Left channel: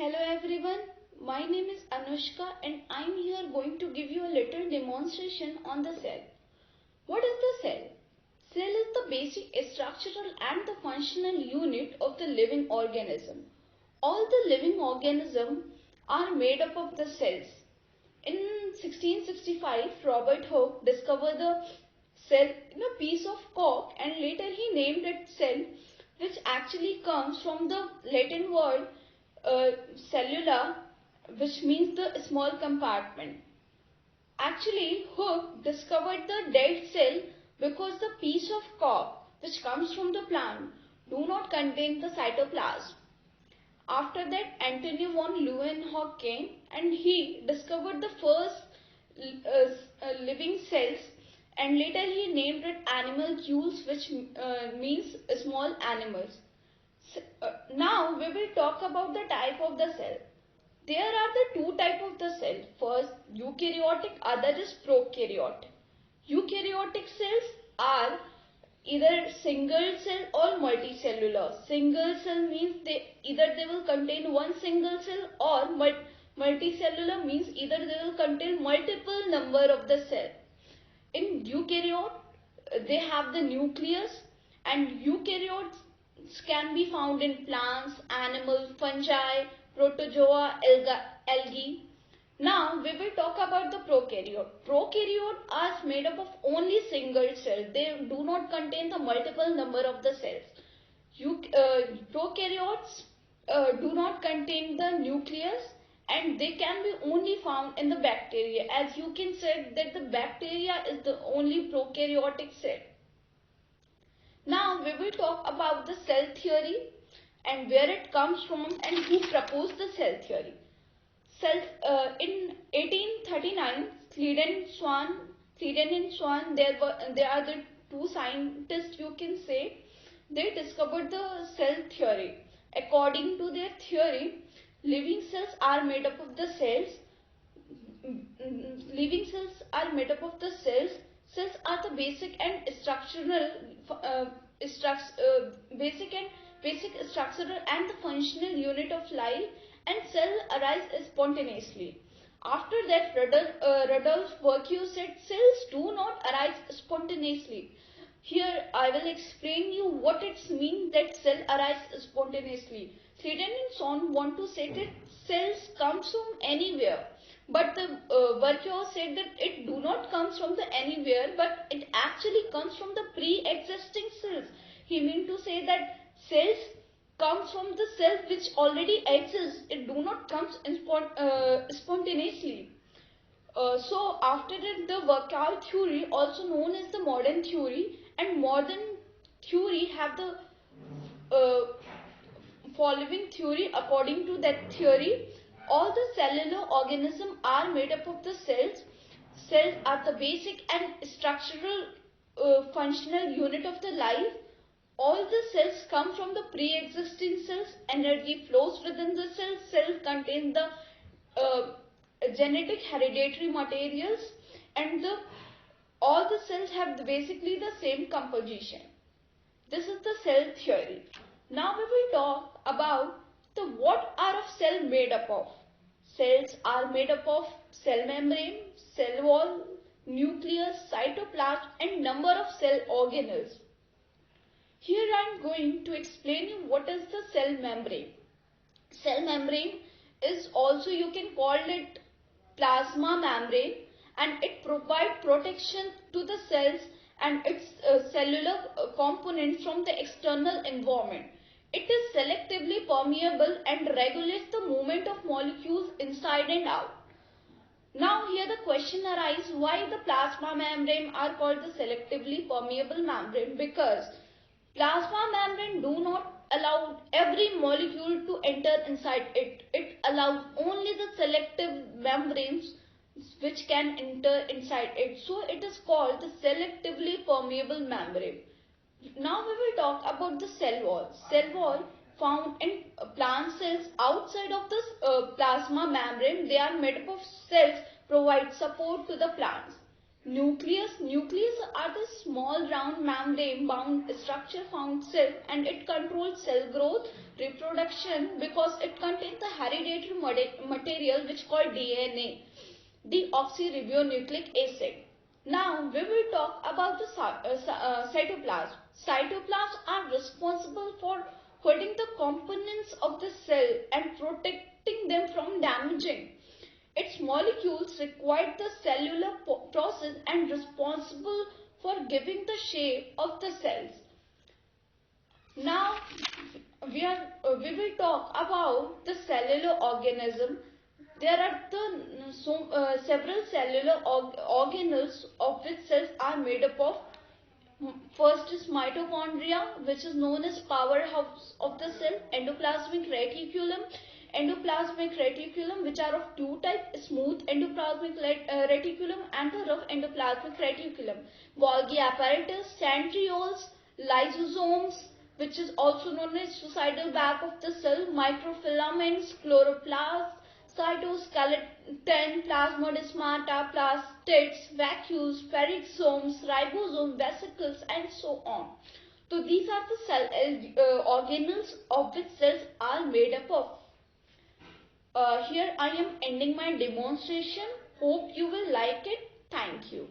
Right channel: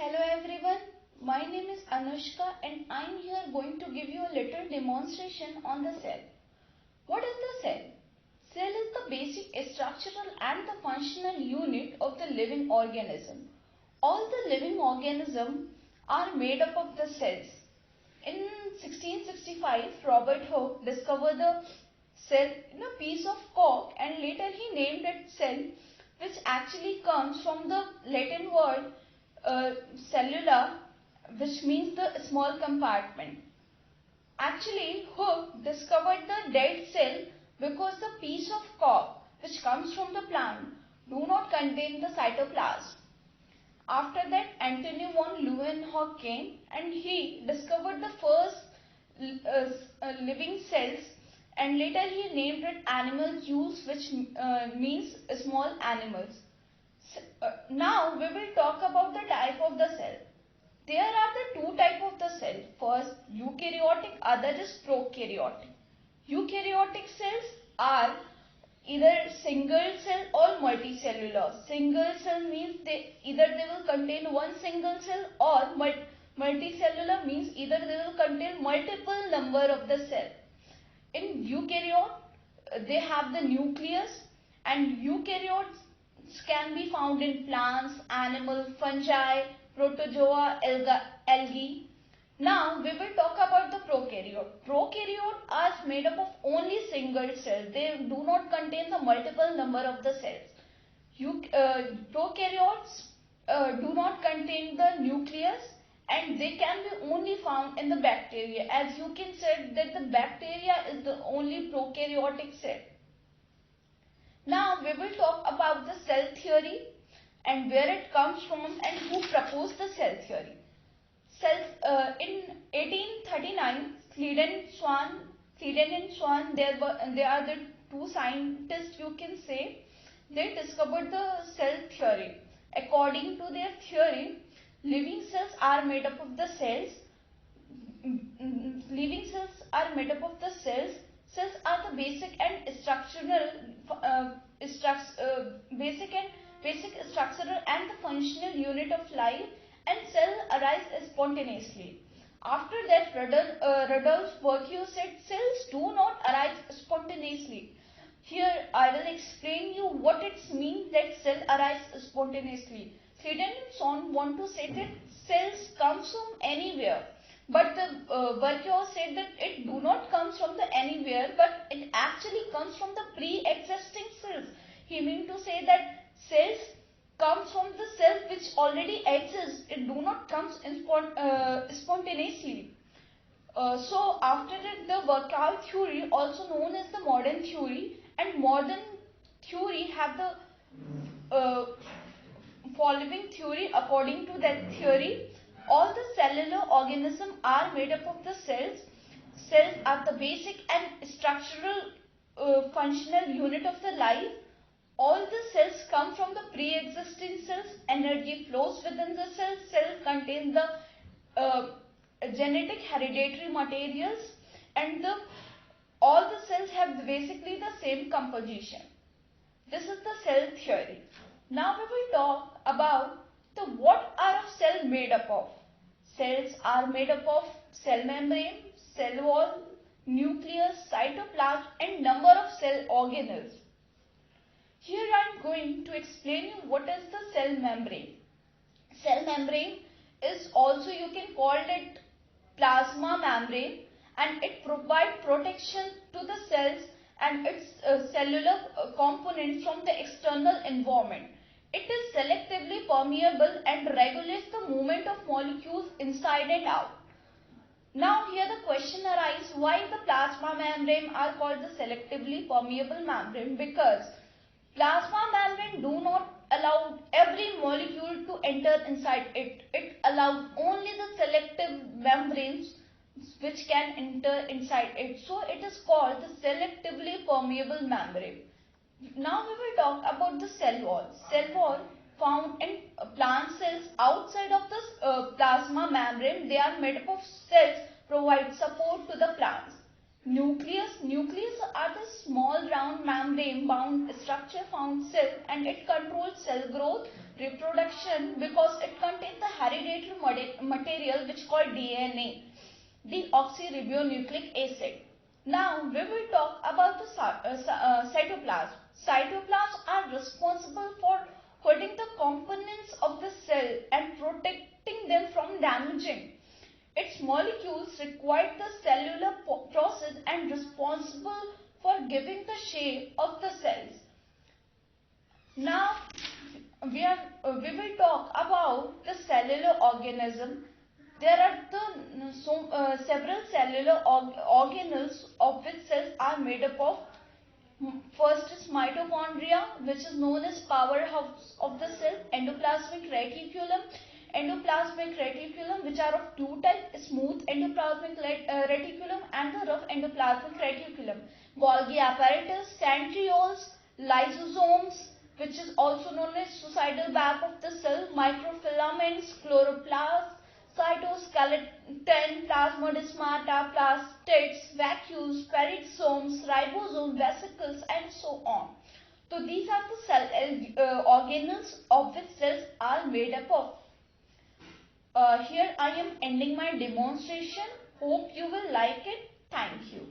Hello everyone, my name is Anushka and I am here going to give you a little demonstration on the cell. What is the cell? Cell is the basic structural and the functional unit of the living organism. All the living organisms are made up of the cells. In 1665, Robert Hooke discovered the cell in a piece of cork and later he named it cell, which actually comes from the Latin word cellula, which means the small compartment. Actually, Hooke discovered the dead cell because the piece of cork which comes from the plant do not contain the cytoplasm. After that, Antony von Leeuwenhoek came and he discovered the first living cells and later he named it animalcules, which means small animals. Now we will talk about the type of the cell. There are the two types of the cell. First eukaryotic, other is prokaryotic. Eukaryotic cells are either single cell or multicellular. Single cell means either they will contain one single cell or multicellular means either they will contain multiple number of the cell. In eukaryote, they have the nucleus and eukaryotes can be found in plants, animals, fungi, protozoa, algae. Now we will talk about the prokaryote. Prokaryote are made up of only single cells. They do not contain the multiple number of the cells. Prokaryotes do not contain the nucleus and they can be only found in the bacteria. As you can say that the bacteria is the only prokaryotic cell. Now we will talk about the cell theory and where it comes from and who proposed the cell theory. In 1839, Sleeden and Swan, they are the two scientists you can say. They discovered the cell theory. According to their theory, living cells are made up of the cells. Living cells are made up of the cells. Cells are the basic structural and the functional unit of life, and cell arise spontaneously. After that, Rudolf Virchow said cells do not arise spontaneously. Here I will explain you what it means that cell arise spontaneously. Sleeden and Swan want to say that cells come from anywhere. But the Virchow said that it do not come from the anywhere, but it actually comes from the pre-existing cells. He mean to say that cells come from the cells which already exist. It do not come spontaneously. So after that, the Virchow theory, also known as the modern theory, and modern theory have the following theory. According to that theory, all the cellular organisms are made up of the cells. Cells are the basic and structural functional unit of the life. All the cells come from the pre-existing cells. Energy flows within the cells. Cells contain the genetic hereditary materials and all the cells have basically the same composition. This is the cell theory. Now we will talk about what are of cell made up of. Cells are made up of cell membrane, cell wall, nucleus, cytoplasm and number of cell organelles. Here I am going to explain you what is the cell membrane. Cell membrane is also you can call it plasma membrane and it provides protection to the cells and its cellular components from the external environment. It is selectively permeable and regulates the movement of molecules inside and out. Now here the question arises, why the plasma membrane are called the selectively permeable membrane? Because plasma membrane do not allow every molecule to enter inside it. It allows only the selective membranes which can enter inside it. So it is called the selectively permeable membrane. Now we will talk about the cell wall. Cell wall found in plant cells outside of this plasma membrane. They are made up of cells provide support to the plants. Nucleus are the small round membrane bound structure found cell, and it controls cell growth, reproduction, because it contains the hereditary material which called DNA, deoxyribonucleic acid. Now we will talk about the cytoplasm. Cytoplasms are responsible for holding the components of the cell and protecting them from damaging. Its molecules require the cellular process and responsible for giving the shape of the cells. Now we will talk about the cellular organism. There are several cellular organelles of which cells are made up of. First is mitochondria, which is known as powerhouse of the cell, endoplasmic reticulum, which are of two types, smooth endoplasmic reticulum and the rough endoplasmic reticulum. Golgi apparatus, centrioles, lysosomes, which is also known as suicidal bag of the cell, microfilaments, chloroplasts, cytoskeleton, plasmodesmata, plastids, vacuoles, peroxisomes, ribosomes, vesicles, and so on. So these are the cell organelles of which cells are made up of. Here I am ending my demonstration. Hope you will like it. Thank you.